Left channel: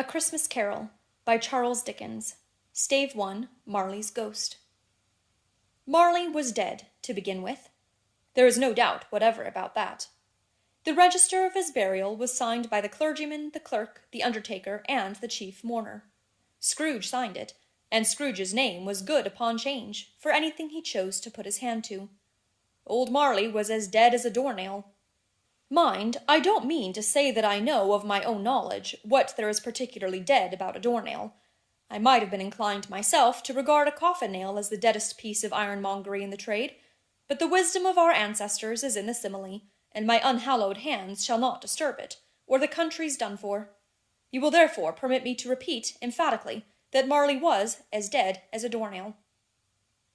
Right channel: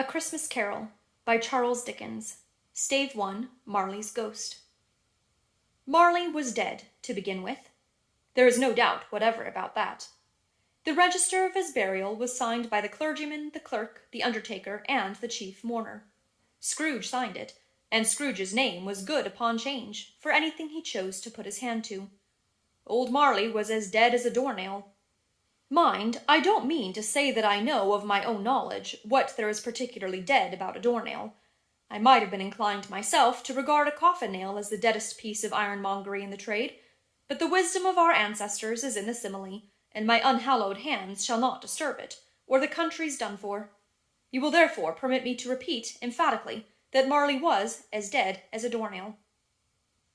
A Christmas Carol by Charles Dickens. Stave 1, Marley's Ghost. Marley was dead, to begin with. There is no doubt whatever about that. The register of his burial was signed by the clergyman, the clerk, the undertaker, and the chief mourner. Scrooge signed it, and Scrooge's name was good upon change for anything he chose to put his hand to. Old Marley was as dead as a doornail. Mind, I don't mean to say that I know of my own knowledge what there is particularly dead about a doornail. I might have been inclined myself to regard a coffin-nail as the deadest piece of ironmongery in the trade, but the wisdom of our ancestors is in the simile, and my unhallowed hands shall not disturb it, or the country's done for. You will therefore permit me to repeat emphatically that Marley was as dead as a doornail.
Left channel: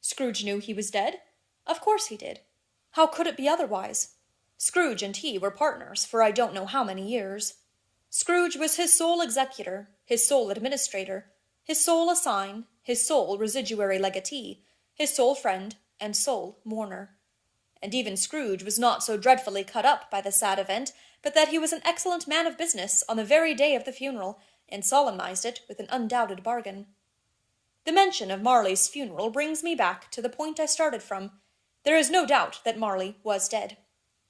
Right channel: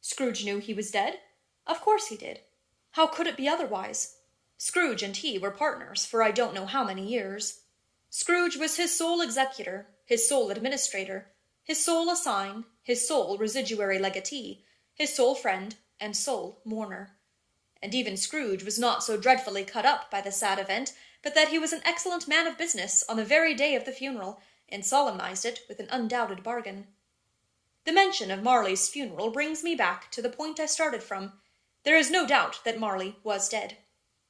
Scrooge knew he was dead? Of course he did. How could it be otherwise? Scrooge and he were partners for I don't know how many years. Scrooge was his sole executor, his sole administrator, his sole assign, his sole residuary legatee, his sole friend, and sole mourner. And even Scrooge was not so dreadfully cut up by the sad event, but that he was an excellent man of business on the very day of the funeral, and solemnized it with an undoubted bargain. The mention of Marley's funeral brings me back to the point I started from. There is no doubt that Marley was dead.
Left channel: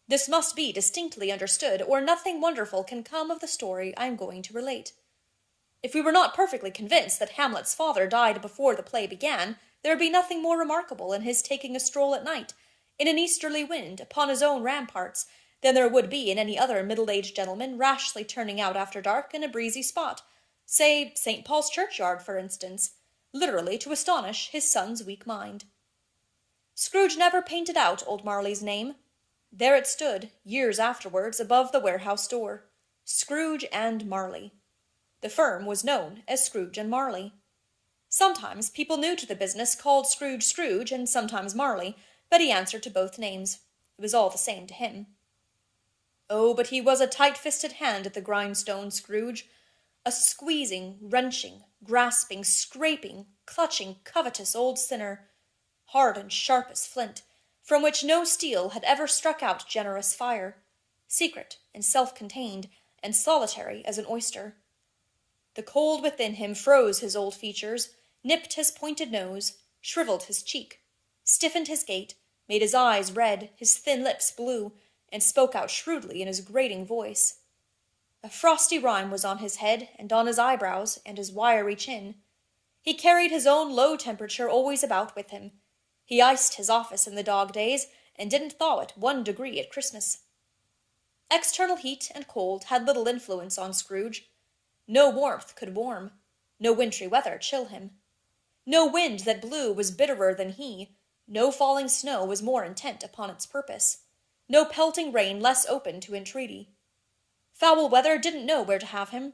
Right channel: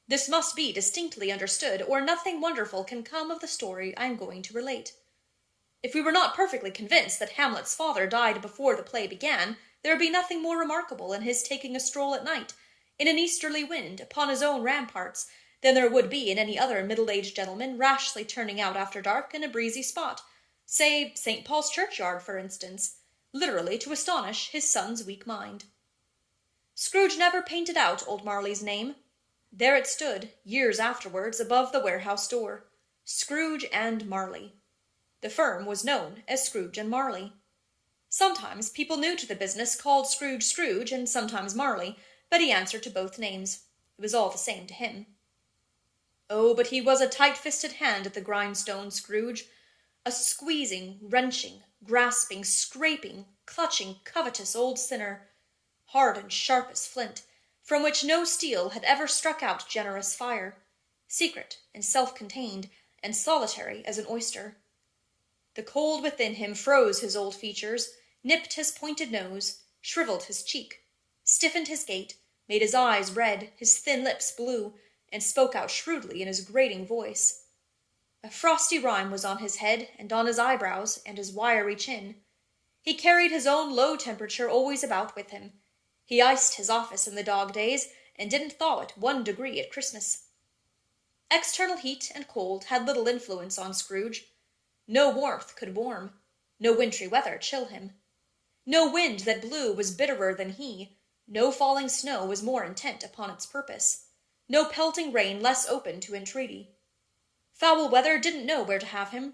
This must be distinctly understood, or nothing wonderful can come of the story I am going to relate. If we were not perfectly convinced that Hamlet's father died before the play began, there would be nothing more remarkable in his taking a stroll at night, in an easterly wind, upon his own ramparts, than there would be in any other middle-aged gentleman rashly turning out after dark in a breezy spot, say St. Paul's churchyard, for instance, literally to astonish his son's weak mind. Scrooge never painted out old Marley's name. There it stood, years afterwards, above the warehouse door. Scrooge and Marley. The firm was known as Scrooge and Marley. Sometimes people new to the business called Scrooge Scrooge, and sometimes Marley, but he answered to both names. It was all the same to him. Oh, but he was a tight-fisted hand at the grindstone, Scrooge. A squeezing, wrenching, grasping, scraping, clutching, covetous old sinner, hard and sharp as flint, from which no steel had ever struck out generous fire, secret and self-contained, and solitary as an oyster. The cold within him froze his old features, nipped his pointed nose, shriveled his cheek, stiffened his gait, made his eyes red, his thin lips blue, and spoke out shrewdly in his grating voice. A frosty rime was on his head, and on his eyebrows, and his wiry chin. He carried his own low temperature always about with him. He iced his office in the dog days, and didn't thaw it 1 degree at Christmas. External heat and cold had little influence on Scrooge. No warmth could warm, no wintry weather chill him. No wind that blew was bitterer than he, no falling snow was more intent upon its purpose, no pelting rain less open to entreaty. Foul weather didn't know where to have him.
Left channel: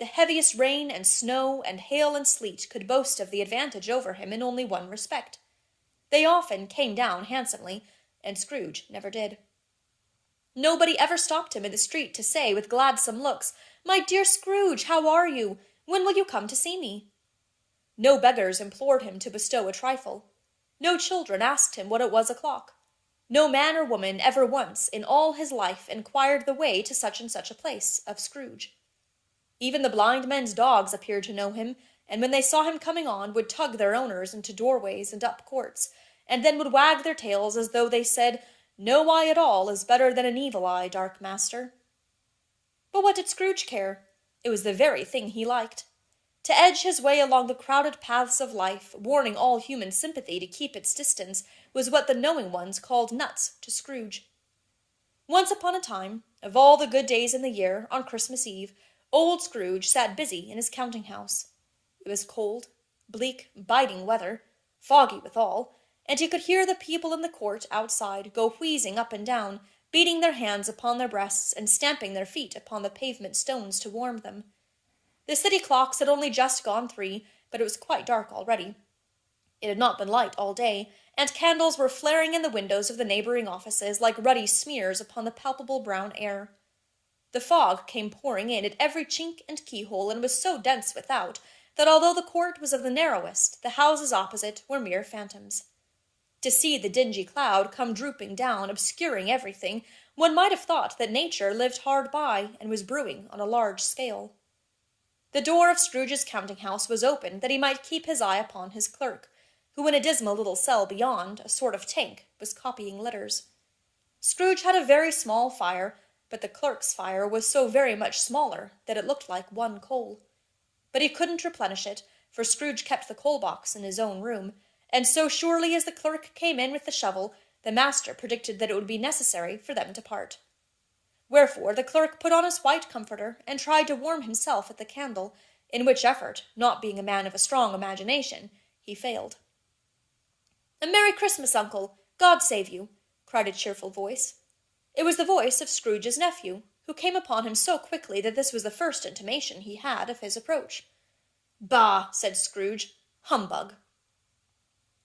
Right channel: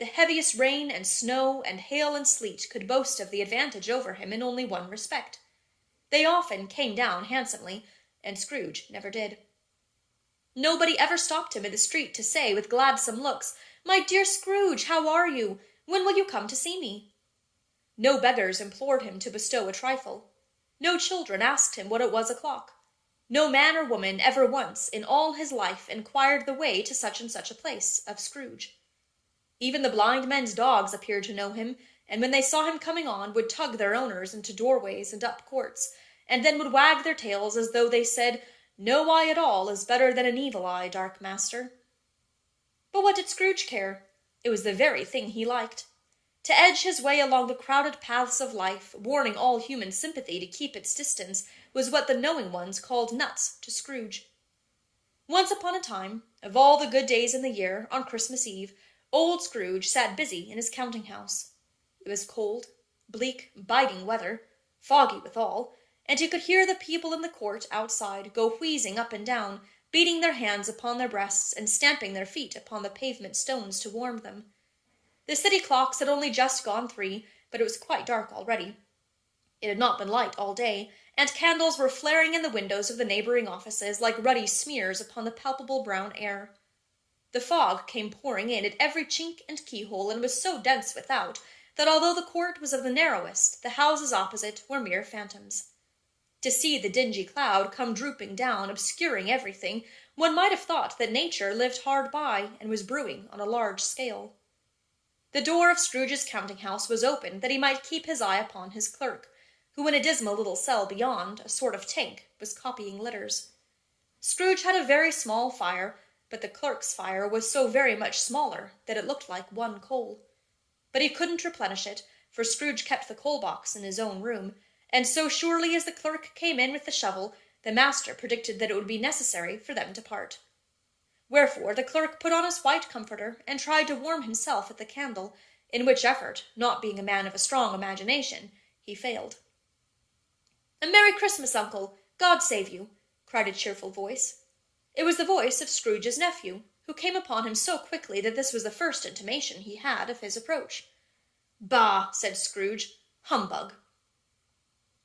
The heaviest rain and snow and hail and sleet could boast of the advantage over him in only one respect. They often came down handsomely, and Scrooge never did. Nobody ever stopped him in the street to say with gladsome looks, "My dear Scrooge, how are you? When will you come to see me?" No beggars implored him to bestow a trifle. No children asked him what it was o'clock. No man or woman ever once in all his life inquired the way to such and such a place of Scrooge. Even the blind men's dogs appeared to know him, and when they saw him coming on, would tug their owners into doorways and up courts, and then would wag their tails as though they said, "No eye at all is better than an evil eye, dark master." But what did Scrooge care? It was the very thing he liked. To edge his way along the crowded paths of life, warning all human sympathy to keep its distance, was what the knowing ones called nuts to Scrooge. Once upon a time, of all the good days in the year, on Christmas Eve, old Scrooge sat busy in his counting-house. It was cold, bleak, biting weather, foggy withal, and he could hear the people in the court outside go wheezing up and down, beating their hands upon their breasts and stamping their feet upon the pavement stones to warm them. The city clocks had only just gone 3, but it was quite dark already. It had not been light all day, and candles were flaring in the windows of the neighboring offices like ruddy smears upon the palpable brown air. The fog came pouring in at every chink and keyhole, and was so dense without that although the court was of the narrowest, the houses opposite were mere phantoms. To see the dingy cloud come drooping down, obscuring everything, one might have thought that nature lived hard by and was brewing on a large scale. The door of Scrooge's counting-house was open that he might keep his eye upon his clerk, who in a dismal little cell beyond, a sort of tank, was copying letters. Scrooge had a very small fire, but the clerk's fire was so very much smaller that it looked like one coal. But he couldn't replenish it, for Scrooge kept the coal-box in his own room, and so surely as the clerk came in with the shovel, the master predicted that it would be necessary for them to part. Wherefore the clerk put on his white comforter and tried to warm himself at the candle, in which effort, not being a man of a strong imagination, he failed. "A Merry Christmas, uncle! God save you!" cried a cheerful voice. It was the voice of Scrooge's nephew, who came upon him so quickly that this was the first intimation he had of his approach. "Bah!" said Scrooge. "Humbug!"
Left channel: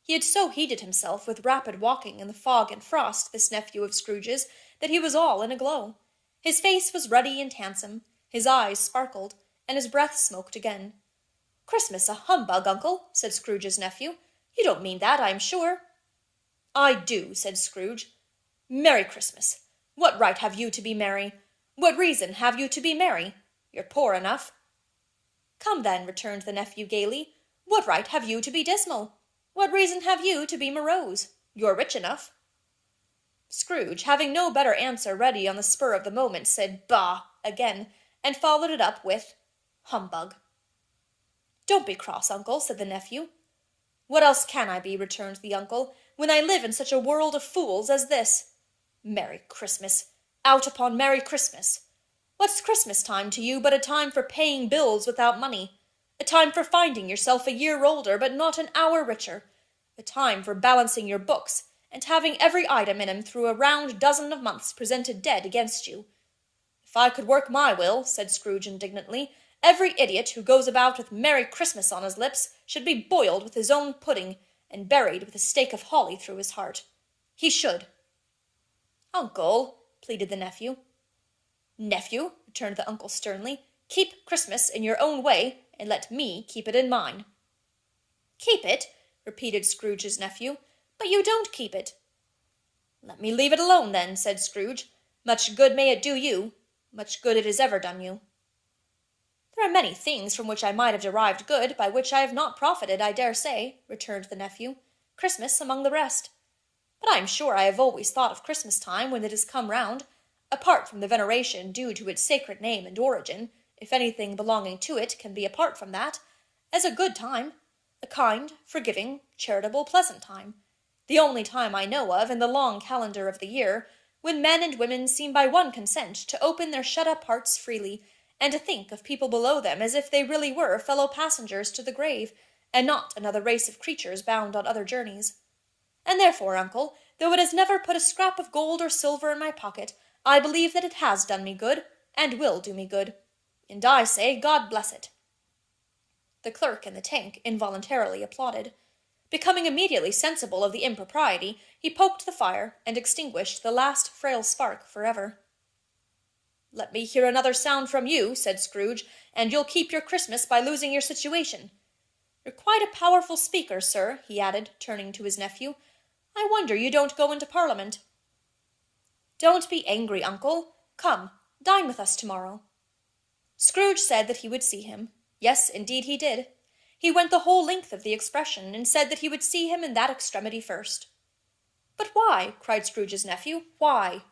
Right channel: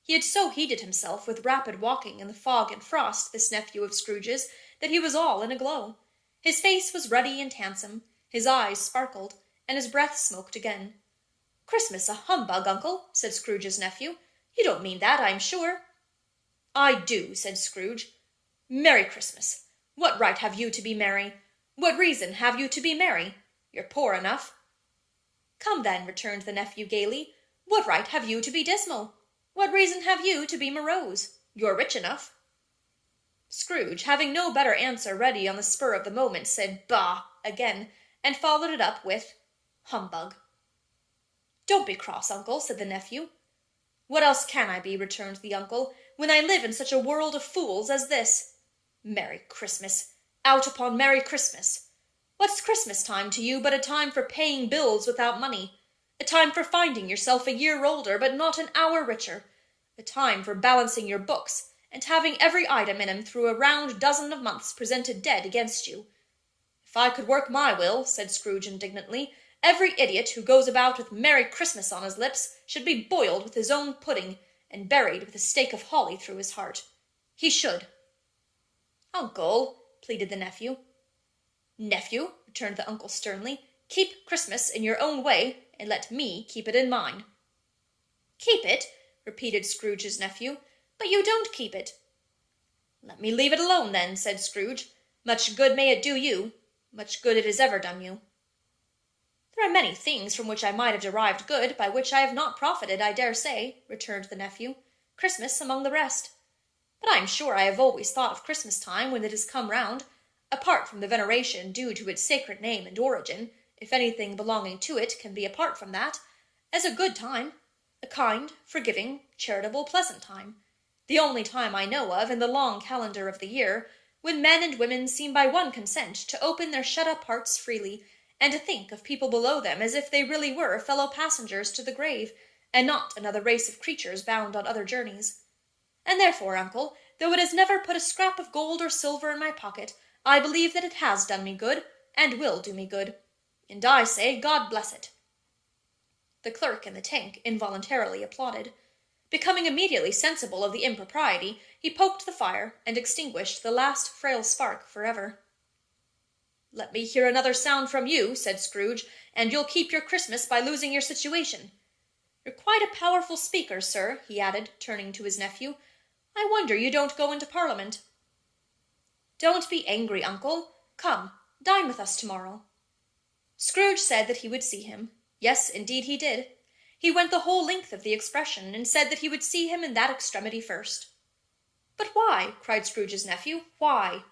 He had so heated himself with rapid walking in the fog and frost, this nephew of Scrooge's, that he was all in a glow. His face was ruddy and handsome, his eyes sparkled, and his breath smoked again. "Christmas a humbug, uncle," said Scrooge's nephew. "You don't mean that, I am sure." "I do," said Scrooge. "Merry Christmas! What right have you to be merry? What reason have you to be merry? You're poor enough." "Come then," returned the nephew gaily, "what right have you to be dismal? What reason have you to be morose? You're rich enough." Scrooge, having no better answer ready on the spur of the moment, said "Bah!" again, and followed it up with "Humbug." "Don't be cross, uncle," said the nephew. "What else can I be," returned the uncle, "when I live in such a world of fools as this? Merry Christmas! Out upon Merry Christmas! What's Christmas time to you but a time for paying bills without money, a time for finding yourself a year older but not an hour richer, a time for balancing your books, and having every item in 'em through a round dozen of months presented dead against you? If I could work my will," said Scrooge indignantly, "every idiot who goes about with Merry Christmas on his lips should be boiled with his own pudding, and buried with a stake of holly through his heart. He should." "Uncle," pleaded the nephew. "Nephew," returned the uncle sternly, "keep Christmas in your own way, and let me keep it in mine." "Keep it?" repeated Scrooge's nephew. "But you don't keep it." "Let me leave it alone, then," said Scrooge. "Much good may it do you, much good it has ever done you." "There are many things from which I might have derived good, by which I have not profited, I dare say," returned the nephew, "Christmas among the rest. But I am sure I have always thought of Christmas time, when it has come round, apart from the veneration due to its sacred name and origin, if anything belonging to it can be apart from that, as a good time, a kind, forgiving, charitable, pleasant time, the only time I know of in the long calendar of the year, when men and women seem by one consent to open their shut-up hearts freely, and to think of people below them as if they really were fellow passengers to the grave, and not another race of creatures bound on other journeys. And therefore, uncle, though it has never put a scrap of gold or silver in my pocket, I believe that it has done me good, and will do me good. And I say, God bless it." The clerk in the tank involuntarily applauded. Becoming immediately sensible of the impropriety, he poked the fire, and extinguished the last frail spark forever. "Let me hear another sound from you," said Scrooge, "and you'll keep your Christmas by losing your situation. You're quite a powerful speaker, sir," he added, turning to his nephew. "I wonder you don't go into Parliament." "Don't be angry, uncle. Come, dine with us tomorrow." Scrooge said that he would see him. Yes, indeed he did. He went the whole length of the expression, and said that he would see him in that extremity first. "But why?" cried Scrooge's nephew. "Why?"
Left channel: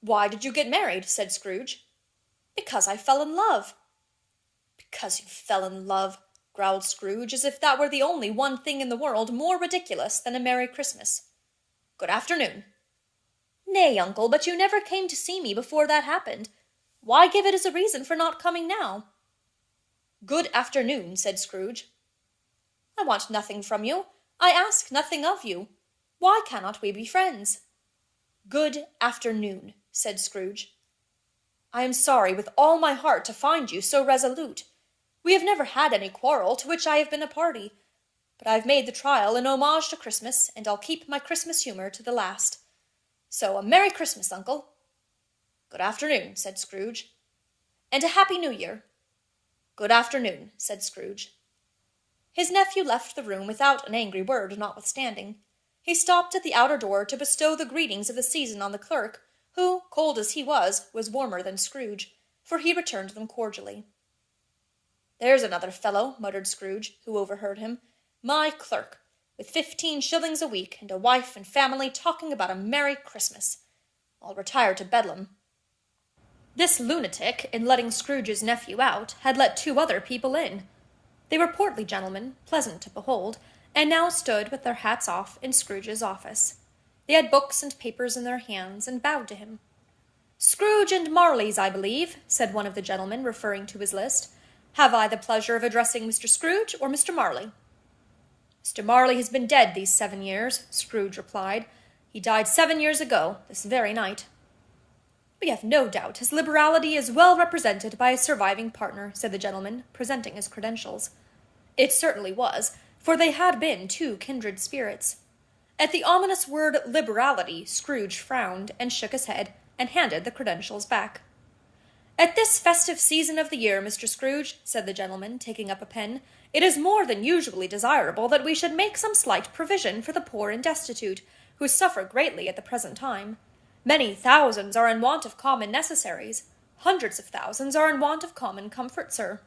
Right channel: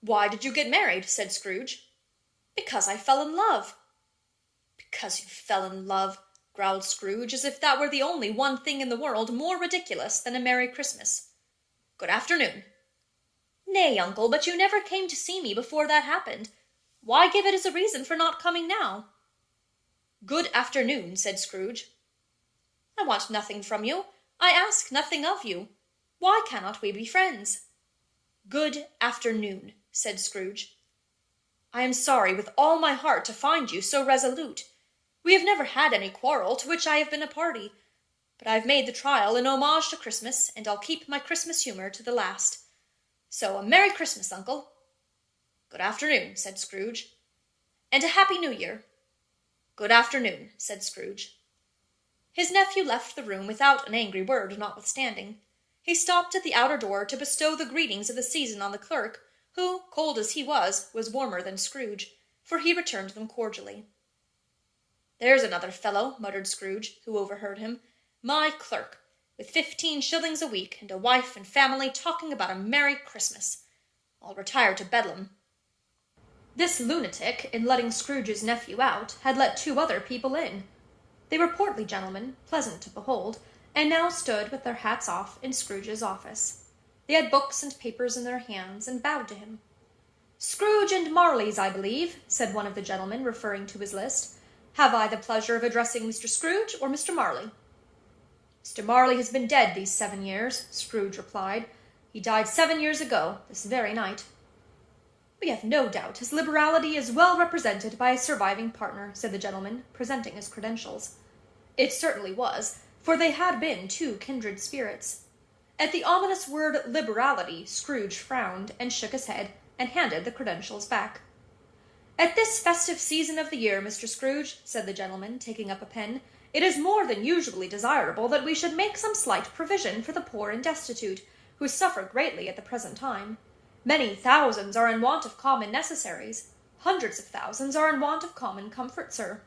"Why did you get married?" said Scrooge. "Because I fell in love." "Because you fell in love," growled Scrooge, as if that were the only one thing in the world more ridiculous than a Merry Christmas. "Good afternoon." "Nay, uncle, but you never came to see me before that happened. Why give it as a reason for not coming now?" "Good afternoon," said Scrooge. "I want nothing from you. I ask nothing of you. Why cannot we be friends?" "Good afternoon," said Scrooge. "I am sorry with all my heart to find you so resolute. We have never had any quarrel to which I have been a party, but I've made the trial in homage to Christmas, and I'll keep my Christmas humour to the last. So a Merry Christmas, uncle." "Good afternoon," said Scrooge. "And a Happy New Year." "Good afternoon," said Scrooge. His nephew left the room without an angry word, notwithstanding. He stopped at the outer door to bestow the greetings of the season on the clerk, who, cold as he was warmer than Scrooge, for he returned them cordially. "There's another fellow," muttered Scrooge, who overheard him. "My clerk, with 15 shillings a week, and a wife and family, talking about a Merry Christmas. I'll retire to Bedlam." This lunatic, in letting Scrooge's nephew out, had let 2 other people in. They were portly gentlemen, pleasant to behold, and now stood with their hats off in Scrooge's office. They had books and papers in their hands, and bowed to him. "Scrooge and Marley's, I believe," said one of the gentlemen, referring to his list. "Have I the pleasure of addressing Mr. Scrooge or Mr. Marley?" "Mr. Marley has been dead these 7 years," Scrooge replied. "He died 7 years ago, this very night." "We have no doubt his liberality is well represented by his surviving partner," said the gentleman, presenting his credentials. It certainly was, for they had been 2 kindred spirits. At the ominous word liberality, Scrooge frowned and shook his head, and handed the credentials back. "At this festive season of the year, Mr. Scrooge," said the gentleman, taking up a pen, "it is more than usually desirable that we should make some slight provision for the poor and destitute, who suffer greatly at the present time. Many thousands are in want of common necessaries. Hundreds of thousands are in want of common comfort, sir."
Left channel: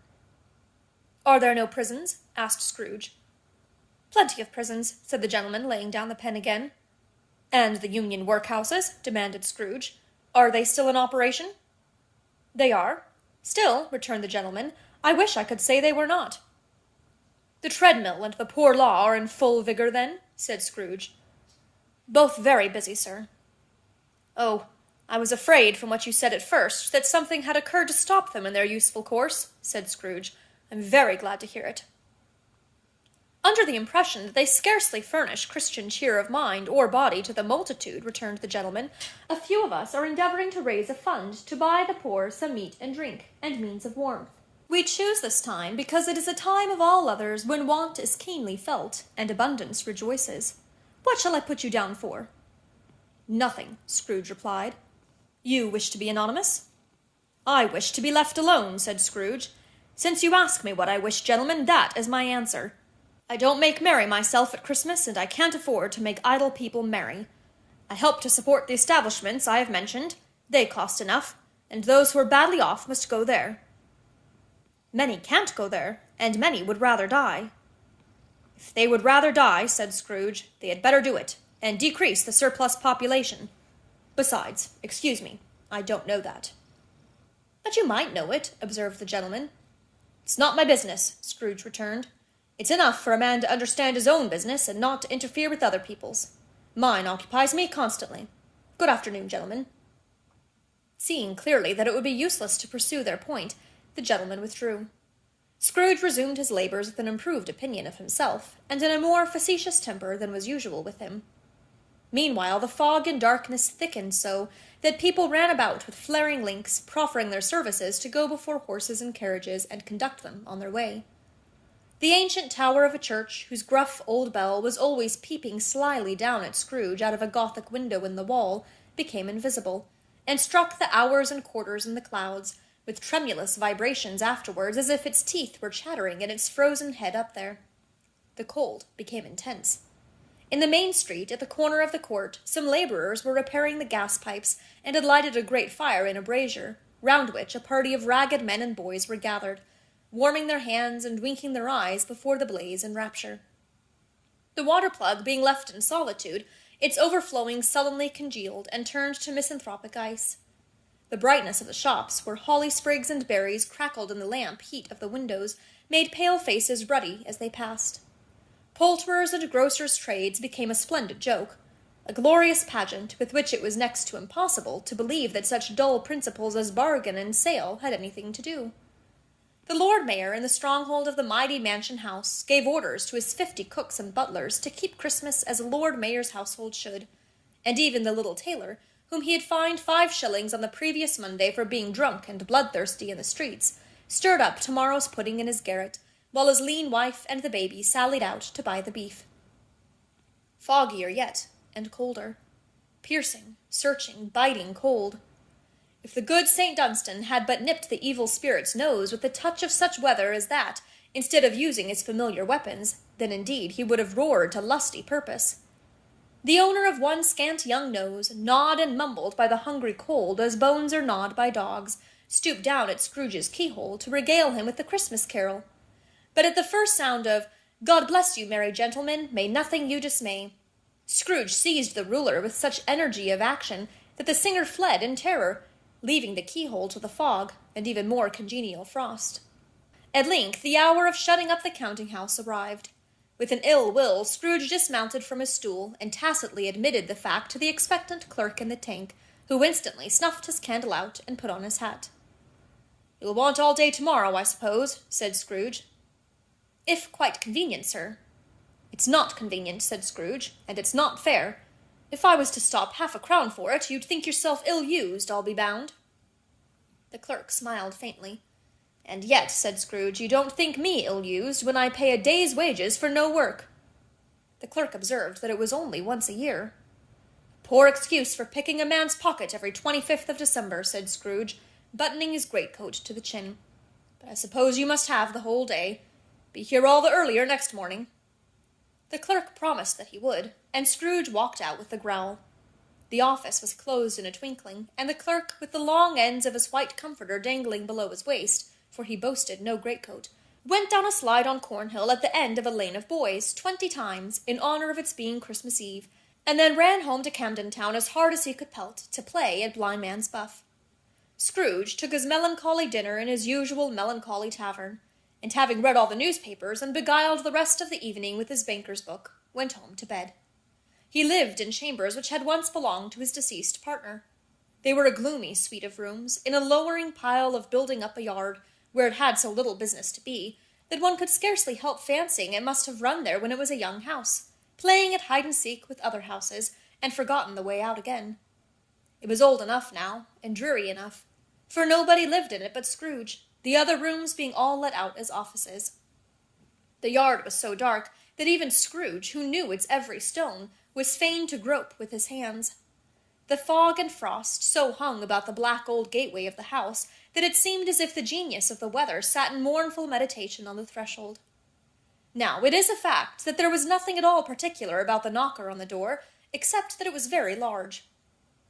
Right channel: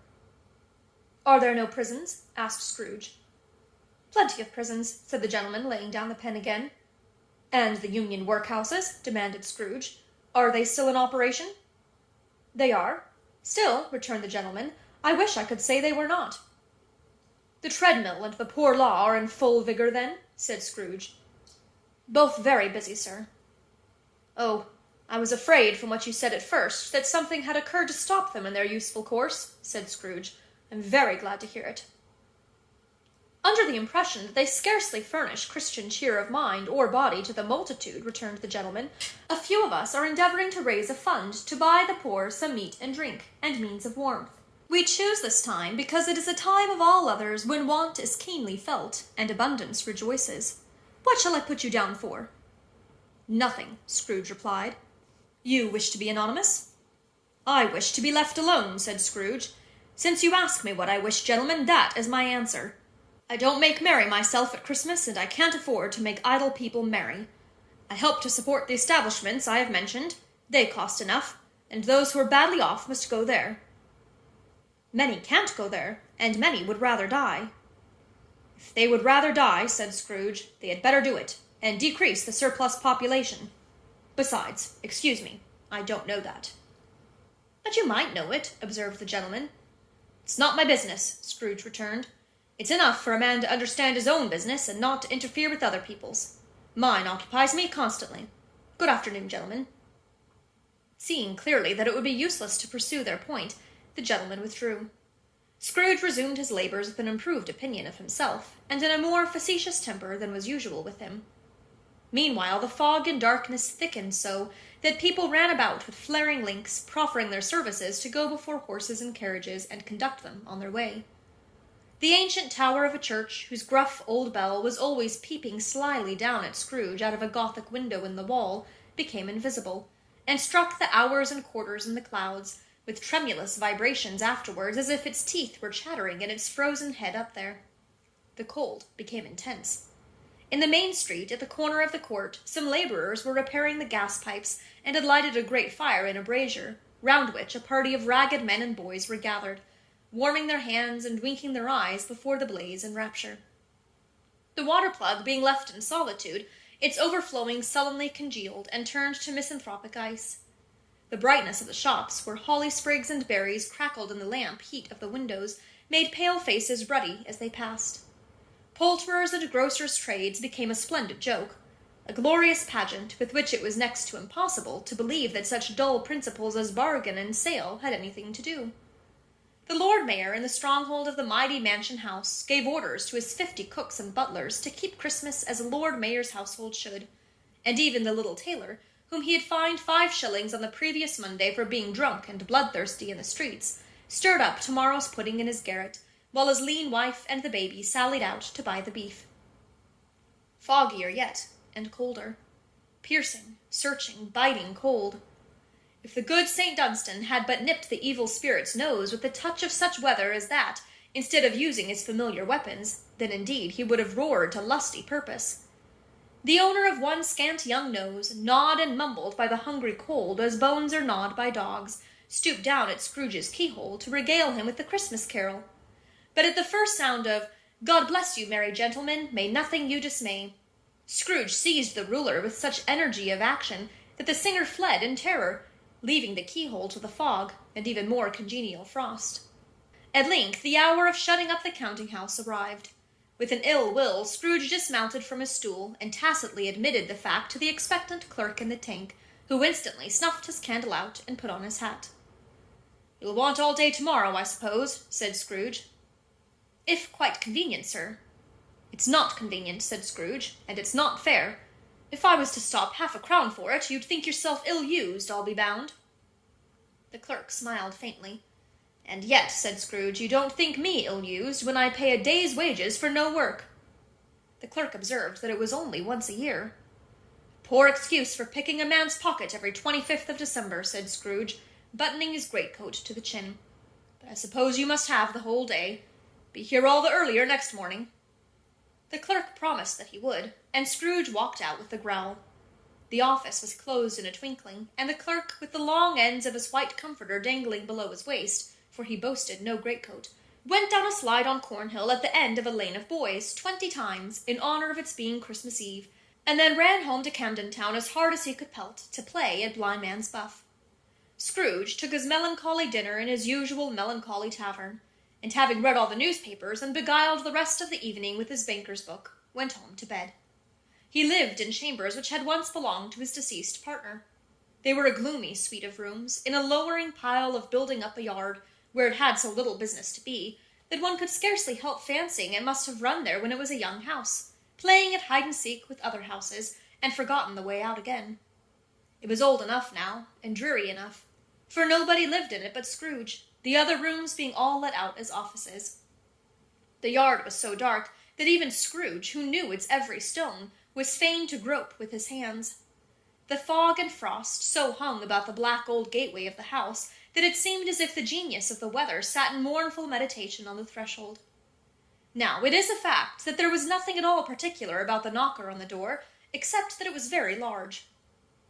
"Are there no prisons?" asked Scrooge. "Plenty of prisons," said the gentleman, laying down the pen again. "And the Union workhouses?" demanded Scrooge. "Are they still in operation?" "They are. Still," returned the gentleman, "I wish I could say they were not." "The treadmill and the poor law are in full vigor, then?" said Scrooge. "Both very busy, sir." "Oh, I was afraid, from what you said at first, that something had occurred to stop them in their useful course," said Scrooge. "I'm very glad to hear it." "Under the impression that they scarcely furnish Christian cheer of mind or body to the multitude," returned the gentleman, "a few of us are endeavoring to raise a fund to buy the poor some meat and drink, and means of warmth. We choose this time because it is a time of all others when want is keenly felt, and abundance rejoices. What shall I put you down for?" "Nothing," Scrooge replied. "You wish to be anonymous?" "I wish to be left alone," said Scrooge. "Since you ask me what I wish, gentlemen, that is my answer. I don't make merry myself at Christmas, and I can't afford to make idle people merry. I help to support the establishments I have mentioned. They cost enough, and those who are badly off must go there." "Many can't go there, and many would rather die." "If they would rather die," said Scrooge, "they had better do it, and decrease the surplus population. Besides, excuse me, I don't know that." "But you might know it," observed the gentleman. "It's not my business," Scrooge returned. "It's enough for a man to understand his own business and not to interfere with other people's. Mine occupies me constantly. Good afternoon, gentlemen." Seeing clearly that it would be useless to pursue their point, the gentleman withdrew. Scrooge resumed his labors with an improved opinion of himself, and in a more facetious temper than was usual with him. Meanwhile the fog and darkness thickened so that people ran about with flaring links, proffering their services to go before horses and carriages and conduct them on their way. The ancient tower of a church, whose gruff old bell was always peeping slyly down at Scrooge out of a Gothic window in the wall, became invisible, and struck the hours and quarters in the clouds, with tremulous vibrations afterwards, as if its teeth were chattering in its frozen head up there. The cold became intense. In the main street, at the corner of the court, some labourers were repairing the gas pipes, and had lighted a great fire in a brazier, round which a party of ragged men and boys were gathered, warming their hands and winking their eyes before the blaze in rapture. The water-plug being left in solitude, its overflowing sullenly congealed and turned to misanthropic ice. The brightness of the shops, where holly sprigs and berries crackled in the lamp heat of the windows, made pale faces ruddy as they passed. Poulterers' and grocers' trades became a splendid joke, a glorious pageant with which it was next to impossible to believe that such dull principles as bargain and sale had anything to do. The Lord Mayor, in the stronghold of the mighty mansion house, gave orders to his 50 cooks and butlers to keep Christmas as a Lord Mayor's household should, and even the little tailor, whom he had fined 5 shillings on the previous Monday for being drunk and bloodthirsty in the streets, stirred up tomorrow's pudding in his garret, while his lean wife and the baby sallied out to buy the beef. Foggier yet, and colder. Piercing, searching, biting cold. If the good St. Dunstan had but nipped the evil spirit's nose with a touch of such weather as that, instead of using his familiar weapons, then indeed he would have roared to lusty purpose. The owner of one scant young nose, gnawed and mumbled by the hungry cold as bones are gnawed by dogs, stooped down at Scrooge's keyhole to regale him with the Christmas carol. But at the first sound of "God bless you, merry gentlemen, may nothing you dismay," Scrooge seized the ruler with such energy of action that the singer fled in terror, leaving the keyhole to the fog and even more congenial frost. At length the hour of shutting up the counting-house arrived. With an ill will, Scrooge dismounted from his stool and tacitly admitted the fact to the expectant clerk in the tank, who instantly snuffed his candle out and put on his hat. "You'll want all day tomorrow, I suppose," said Scrooge. "If quite convenient, sir." "It's not convenient," said Scrooge, "and it's not fair. If I was to stop half a crown for it, you'd think yourself ill-used, I'll be bound." The clerk smiled faintly. "And yet," said Scrooge, "you don't think me ill-used when I pay a day's wages for no work." The clerk observed that it was only once a year. "Poor excuse for picking a man's pocket every 25th of December," said Scrooge, buttoning his greatcoat to the chin. "But I suppose you must have the whole day. Be here all the earlier next morning." The clerk promised that he would, and Scrooge walked out with a growl. The office was closed in a twinkling, and the clerk, with the long ends of his white comforter dangling below his waist, for he boasted no greatcoat, went down a slide on Cornhill at the end of a lane of boys 20 times, in honour of its being Christmas Eve, and then ran home to Camden Town as hard as he could pelt, to play at blindman's buff. Scrooge took his melancholy dinner in his usual melancholy tavern, and having read all the newspapers and beguiled the rest of the evening with his banker's book, went home to bed. He lived in chambers which had once belonged to his deceased partner. They were a gloomy suite of rooms, in a lowering pile of building up a yard, where it had so little business to be, that one could scarcely help fancying it must have run there when it was a young house, playing at hide-and-seek with other houses, and forgotten the way out again. It was old enough now, and dreary enough, for nobody lived in it but Scrooge, the other rooms being all let out as offices. The yard was so dark that even Scrooge, who knew its every stone, was fain to grope with his hands. The fog and frost so hung about the black old gateway of the house that it seemed as if the genius of the weather sat in mournful meditation on the threshold. Now, it is a fact that there was nothing at all particular about the knocker on the door, except that it was very large.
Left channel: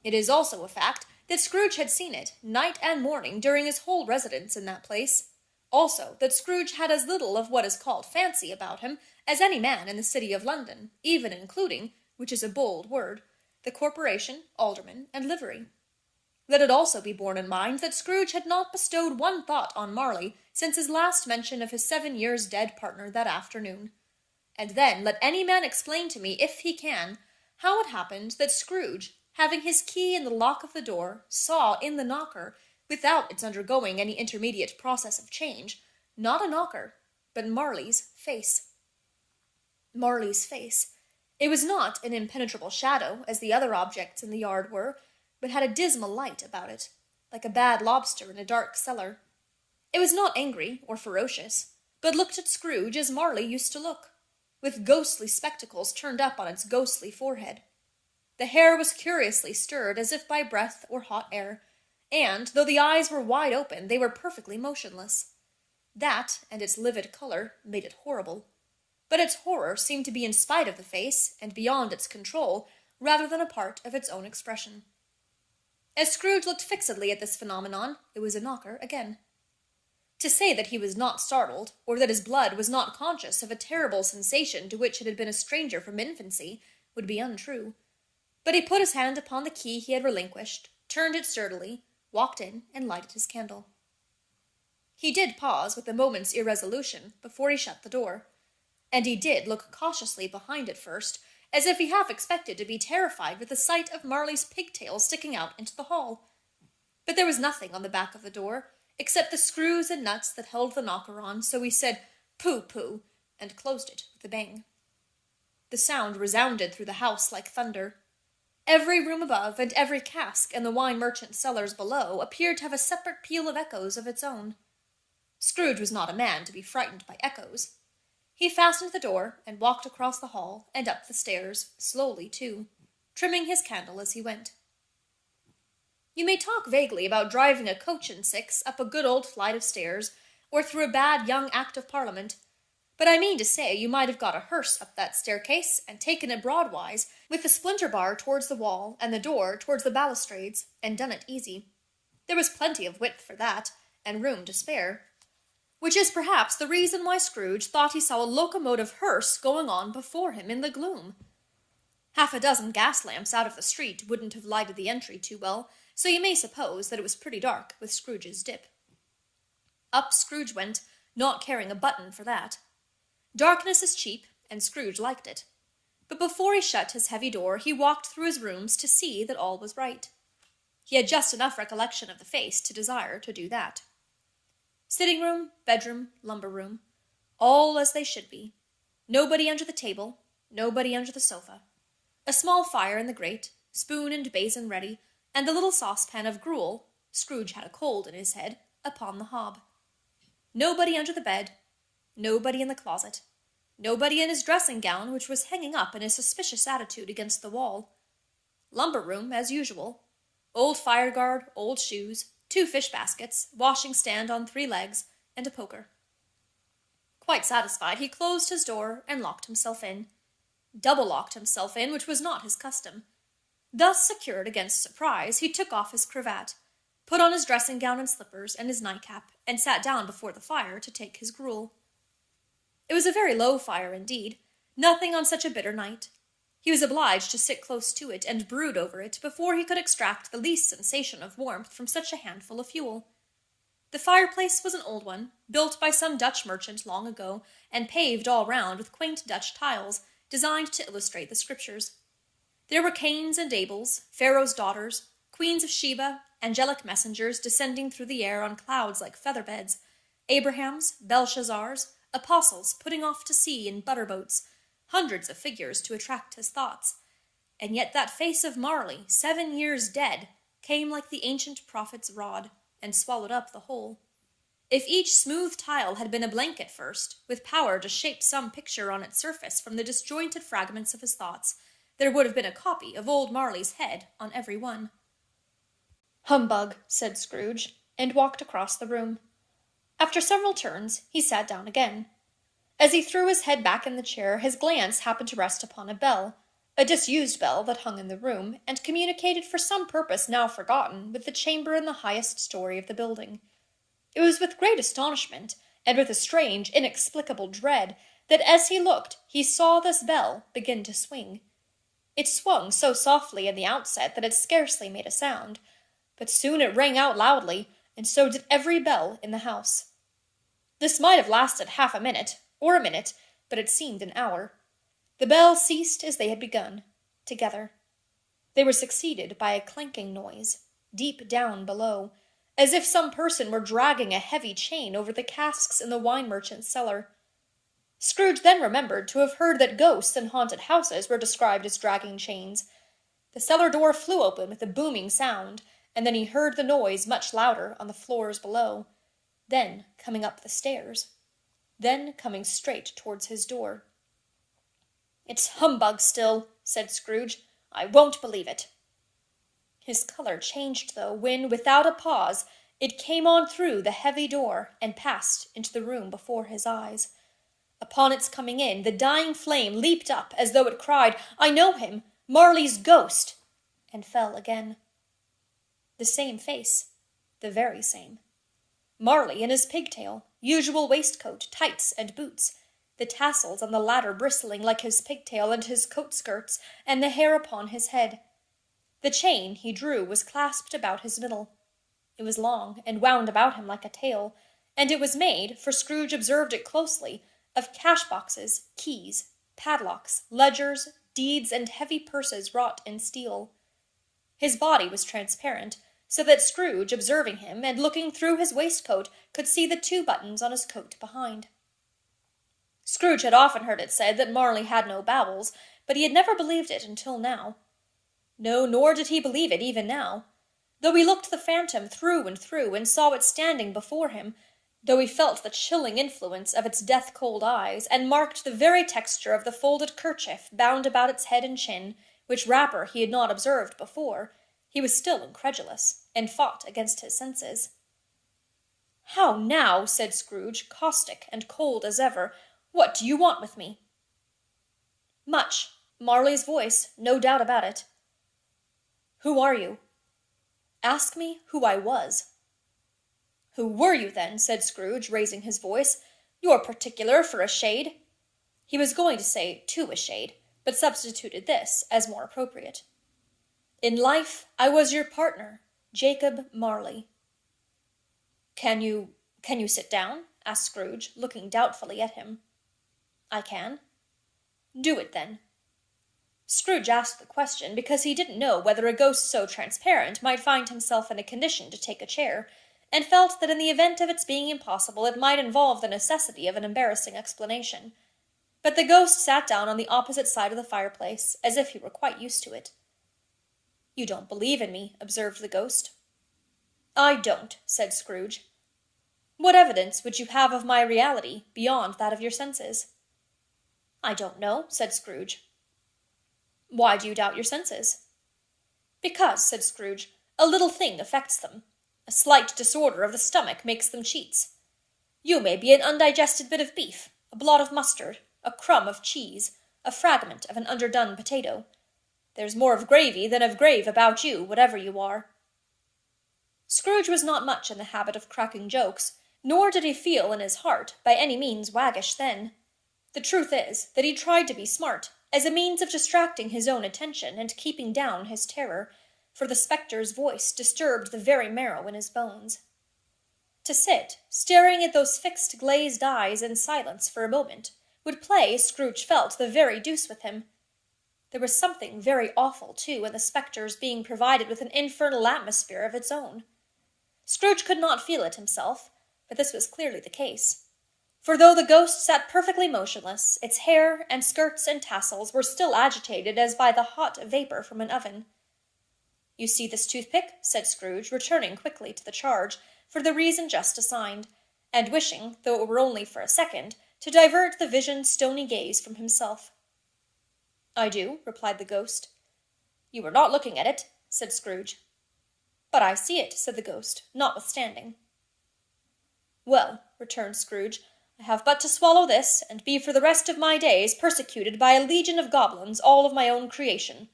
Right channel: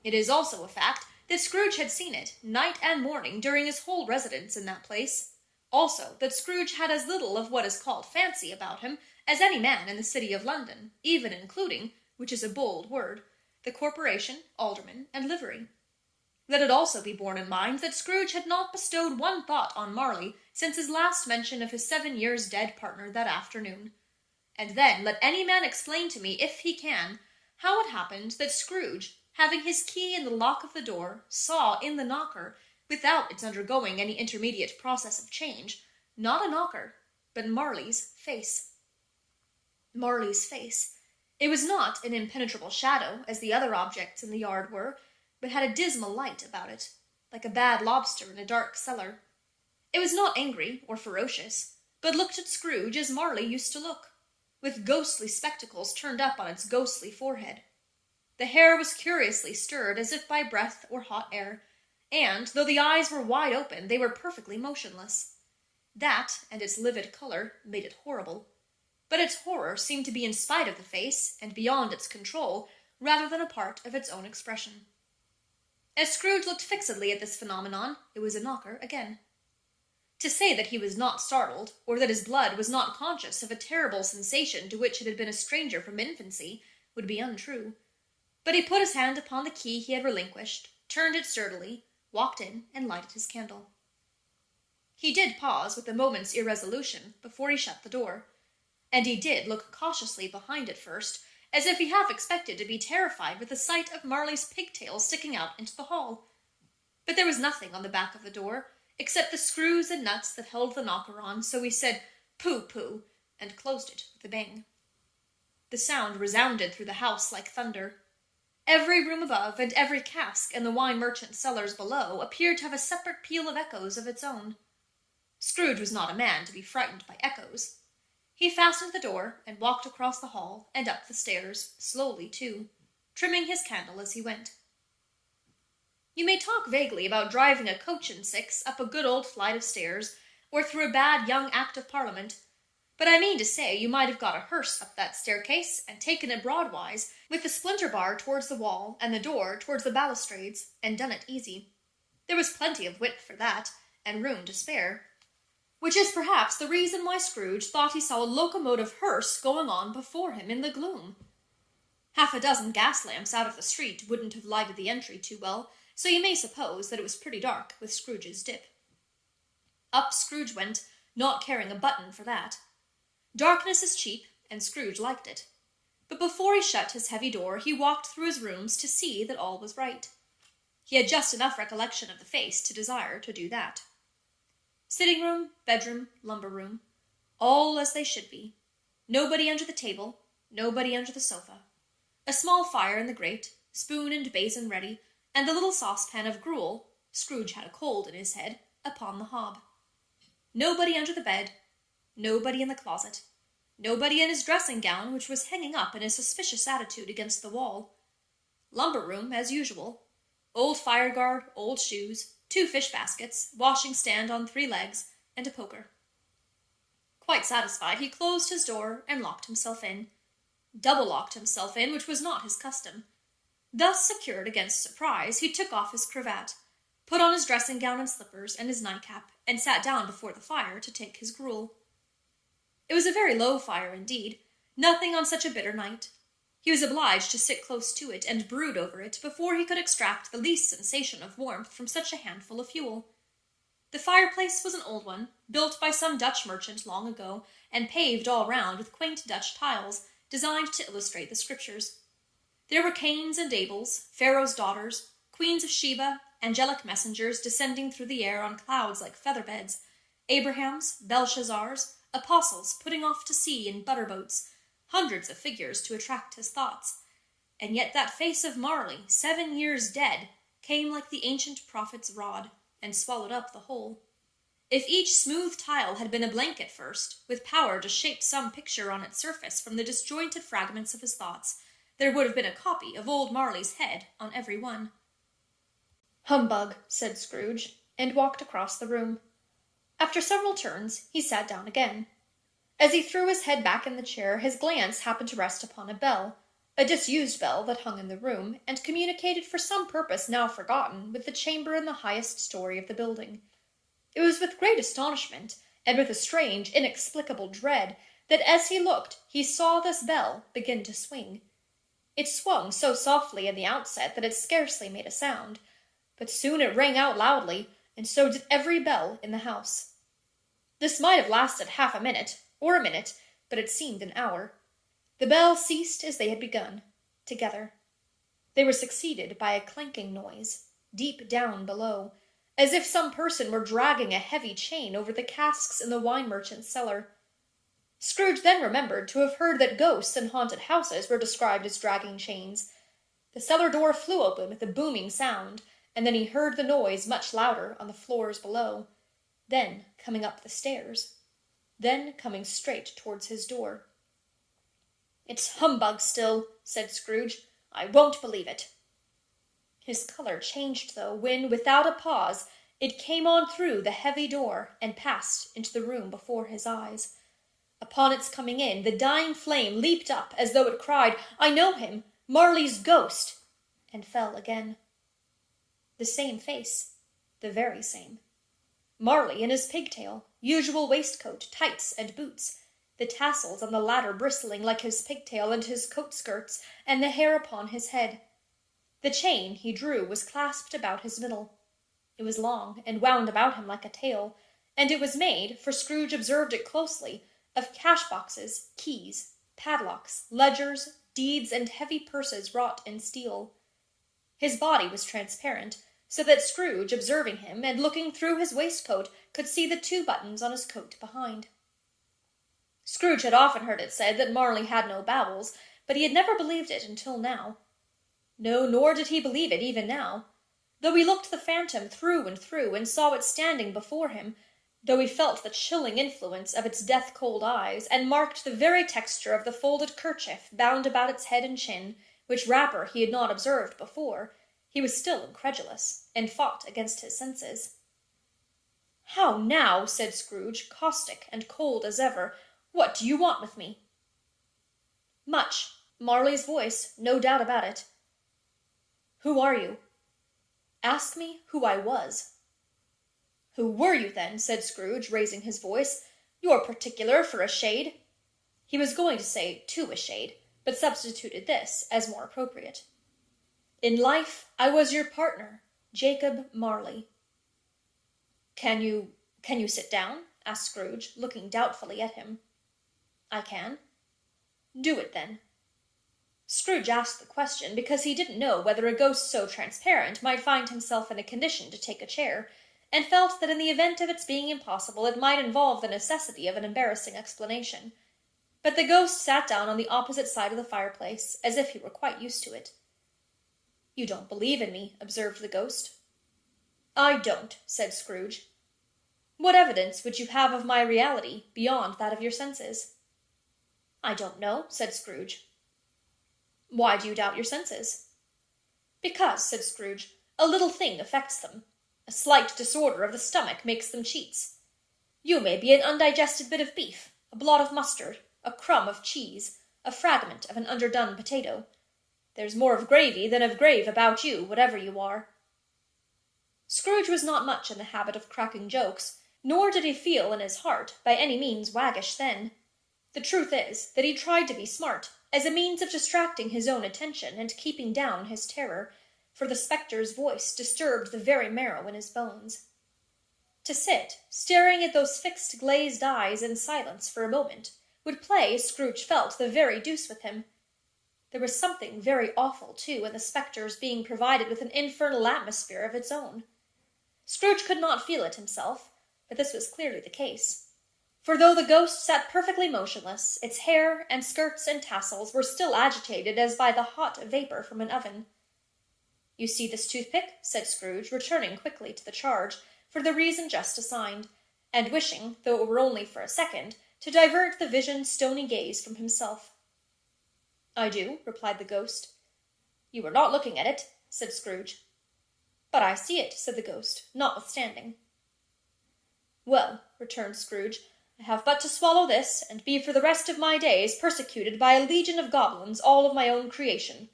It is also a fact that Scrooge had seen it, night and morning, during his whole residence in that place. Also, that Scrooge had as little of what is called fancy about him as any man in the city of London, even including, which is a bold word, the corporation, alderman, and livery. Let it also be borne in mind that Scrooge had not bestowed one thought on Marley since his last mention of his 7 years dead partner that afternoon. And then let any man explain to me, if he can, how it happened that Scrooge, having his key in the lock of the door, saw in the knocker, without its undergoing any intermediate process of change, not a knocker, but Marley's face. Marley's face. It was not an impenetrable shadow, as the other objects in the yard were, but had a dismal light about it, like a bad lobster in a dark cellar. It was not angry or ferocious, but looked at Scrooge as Marley used to look, with ghostly spectacles turned up on its ghostly forehead. The hair was curiously stirred as if by breath or hot air, and, though the eyes were wide open, they were perfectly motionless. That, and its livid colour, made it horrible. But its horror seemed to be in spite of the face, and beyond its control, rather than a part of its own expression. As Scrooge looked fixedly at this phenomenon, it was a knocker again. To say that he was not startled, or that his blood was not conscious of a terrible sensation to which it had been a stranger from infancy, would be untrue. But he put his hand upon the key he had relinquished, turned it sturdily, walked in, and lighted his candle. He did pause with a moment's irresolution before he shut the door, and he did look cautiously behind it first, as if he half expected to be terrified with the sight of Marley's pigtails sticking out into the hall. But there was nothing on the back of the door, except the screws and nuts that held the knocker on, so he said, "Pooh-pooh," and closed it with a bang. The sound resounded through the house like thunder. Every room above, and every cask in the wine merchant's cellars below, appeared to have a separate peal of echoes of its own. Scrooge was not a man to be frightened by echoes. He fastened the door, and walked across the hall, and up the stairs, slowly too, trimming his candle as he went. You may talk vaguely about driving a coach and six up a good old flight of stairs, or through a bad young Act of Parliament, but I mean to say you might have got a hearse up that staircase, and taken it broadwise, with the splinter bar towards the wall, and the door towards the balustrades, and done it easy. There was plenty of width for that, and room to spare, which is perhaps the reason why Scrooge thought he saw a locomotive hearse going on before him in the gloom. Half a dozen gas lamps out of the street wouldn't have lighted the entry too well, so you may suppose that it was pretty dark with Scrooge's dip. Up Scrooge went, not caring a button for that. Darkness is cheap, and Scrooge liked it. But before he shut his heavy door, he walked through his rooms to see that all was right. He had just enough recollection of the face to desire to do that. Sitting room, bedroom, lumber room, all as they should be. Nobody under the table, nobody under the sofa. A small fire in the grate, spoon and basin ready, and the little saucepan of gruel, Scrooge had a cold in his head, upon the hob. Nobody under the bed, nobody in the closet, nobody in his dressing gown, which was hanging up in a suspicious attitude against the wall. Lumber room, as usual. Old fireguard, old shoes, 2 fish baskets, washing stand on 3 legs, and a poker. Quite satisfied, he closed his door and locked himself in. Double-locked himself in, which was not his custom. Thus secured against surprise, he took off his cravat, put on his dressing gown and slippers and his nightcap, and sat down before the fire to take his gruel. It was a very low fire indeed, nothing on such a bitter night. He was obliged to sit close to it and brood over it before he could extract the least sensation of warmth from such a handful of fuel. The fireplace was an old one, built by some Dutch merchant long ago, and paved all round with quaint Dutch tiles, designed to illustrate the Scriptures. There were Cains and Abels, Pharaoh's daughters, queens of Sheba, angelic messengers descending through the air on clouds like feather-beds, Abrahams, Belshazzars, apostles putting off to sea in butter-boats, hundreds of figures to attract his thoughts. And yet that face of Marley, 7 years dead, came like the ancient prophet's rod, and swallowed up the whole. If each smooth tile had been a blank at first, with power to shape some picture on its surface from the disjointed fragments of his thoughts, there would have been a copy of old Marley's head on every one. "Humbug," said Scrooge, and walked across the room. After several turns, he sat down again. As he threw his head back in the chair, his glance happened to rest upon a bell, a disused bell that hung in the room, and communicated for some purpose now forgotten with the chamber in the highest story of the building. It was with great astonishment, and with a strange, inexplicable dread, that as he looked, he saw this bell begin to swing. It swung so softly in the outset that it scarcely made a sound, but soon it rang out loudly, and so did every bell in the house. This might have lasted half a minute, or a minute, but it seemed an hour. The bells ceased as they had begun, together. They were succeeded by a clanking noise, deep down below, as if some person were dragging a heavy chain over the casks in the wine merchant's cellar. Scrooge then remembered to have heard that ghosts in haunted houses were described as dragging chains. The cellar door flew open with a booming sound, and then he heard the noise much louder on the floors below, then coming up the stairs, then coming straight towards his door. "It's humbug still," said Scrooge. "I won't believe it." His color changed, though, when, without a pause, it came on through the heavy door and passed into the room before his eyes. Upon its coming in, the dying flame leaped up as though it cried, "I know him, Marley's ghost," and fell again. The same face, the very same. Marley in his pigtail, usual waistcoat, tights, and boots, the tassels on the latter bristling like his pigtail and his coat skirts, and the hair upon his head. The chain he drew was clasped about his middle. It was long, and wound about him like a tail, and it was made, for Scrooge observed it closely, of cash-boxes, keys, padlocks, ledgers, deeds, and heavy purses wrought in steel. His body was transparent, so that Scrooge, observing him, and looking through his waistcoat, could see the 2 buttons on his coat behind. Scrooge had often heard it said that Marley had no bowels, but he had never believed it until now. No, nor did he believe it even now. Though he looked the phantom through and saw it standing before him, though he felt the chilling influence of its death-cold eyes, and marked the very texture of the folded kerchief bound about its head and chin, which wrapper he had not observed before, he was still incredulous, and fought against his senses. "How now?" said Scrooge, caustic and cold as ever. "What do you want with me?" "Much. Marley's voice, no doubt about it." "Who are you?" Ask me who I was." "Who were you, then?" said Scrooge, raising his voice. "You're particular for a shade." He was going to say "to a shade," but substituted this, as more appropriate. "In life, I was your partner, Jacob Marley." Can you sit down?" asked Scrooge, looking doubtfully at him. "I can." "Do it, then." Scrooge asked the question because he didn't know whether a ghost so transparent might find himself in a condition to take a chair, and felt that in the event of its being impossible it might involve the necessity of an embarrassing explanation. But the ghost sat down on the opposite side of the fireplace, as if he were quite used to it. "You don't believe in me," observed the ghost. "I don't," said Scrooge. "What evidence would you have of my reality, beyond that of your senses?" "I don't know," said Scrooge. "Why do you doubt your senses?" "Because," said Scrooge, "a little thing affects them. A slight disorder of the stomach makes them cheats. You may be an undigested bit of beef, a blot of mustard, a crumb of cheese, a fragment of an underdone potato. There's more of gravy than of grave about you, whatever you are." Scrooge was not much in the habit of cracking jokes, nor did he feel in his heart by any means waggish then. The truth is, that he tried to be smart, as a means of distracting his own attention and keeping down his terror, for the spectre's voice disturbed the very marrow in his bones. To sit, staring at those fixed glazed eyes in silence for a moment, would play, Scrooge felt, the very deuce with him. There was something very awful, too, in the spectre's being provided with an infernal atmosphere of its own. Scrooge could not feel it himself, but this was clearly the case. For though the ghost sat perfectly motionless, its hair and skirts and tassels were still agitated as by the hot vapor from an oven. "You see this toothpick?" said Scrooge, returning quickly to the charge, for the reason just assigned, and wishing, though it were only for a second, to divert the vision's stony gaze from himself. "I do," replied the ghost. "You were not looking at it," said Scrooge. "But I see it," said the ghost, notwithstanding. "Well," returned Scrooge, "I have but to swallow this, and be for the rest of my days persecuted by a legion of goblins, all of my own creation.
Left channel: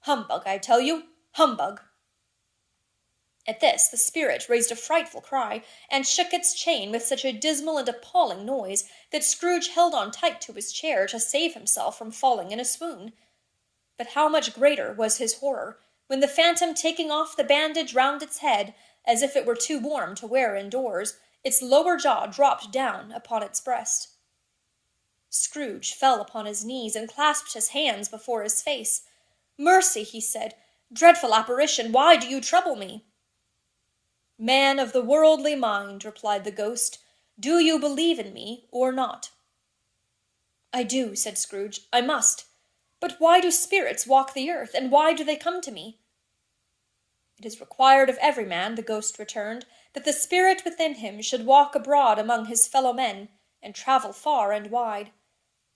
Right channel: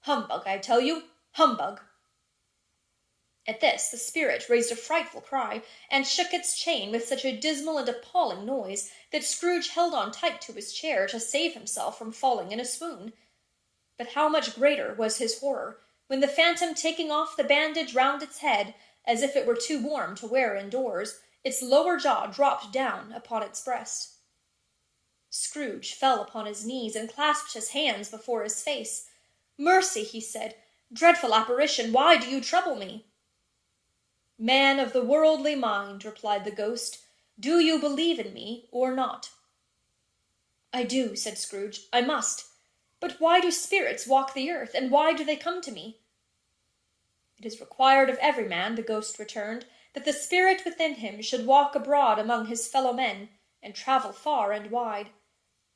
Humbug, I tell you, humbug!" At this the spirit raised a frightful cry, and shook its chain with such a dismal and appalling noise that Scrooge held on tight to his chair to save himself from falling in a swoon. But how much greater was his horror, when the phantom, taking off the bandage round its head, as if it were too warm to wear indoors, its lower jaw dropped down upon its breast. Scrooge fell upon his knees and clasped his hands before his face. "Mercy," he said, "dreadful apparition, why do you trouble me?" "Man of the worldly mind," replied the ghost, "do you believe in me or not?" "I do," said Scrooge. "I must. But why do spirits walk the earth, and why do they come to me?" "It is required of every man," the ghost returned, "that the spirit within him should walk abroad among his fellow men, and travel far and wide.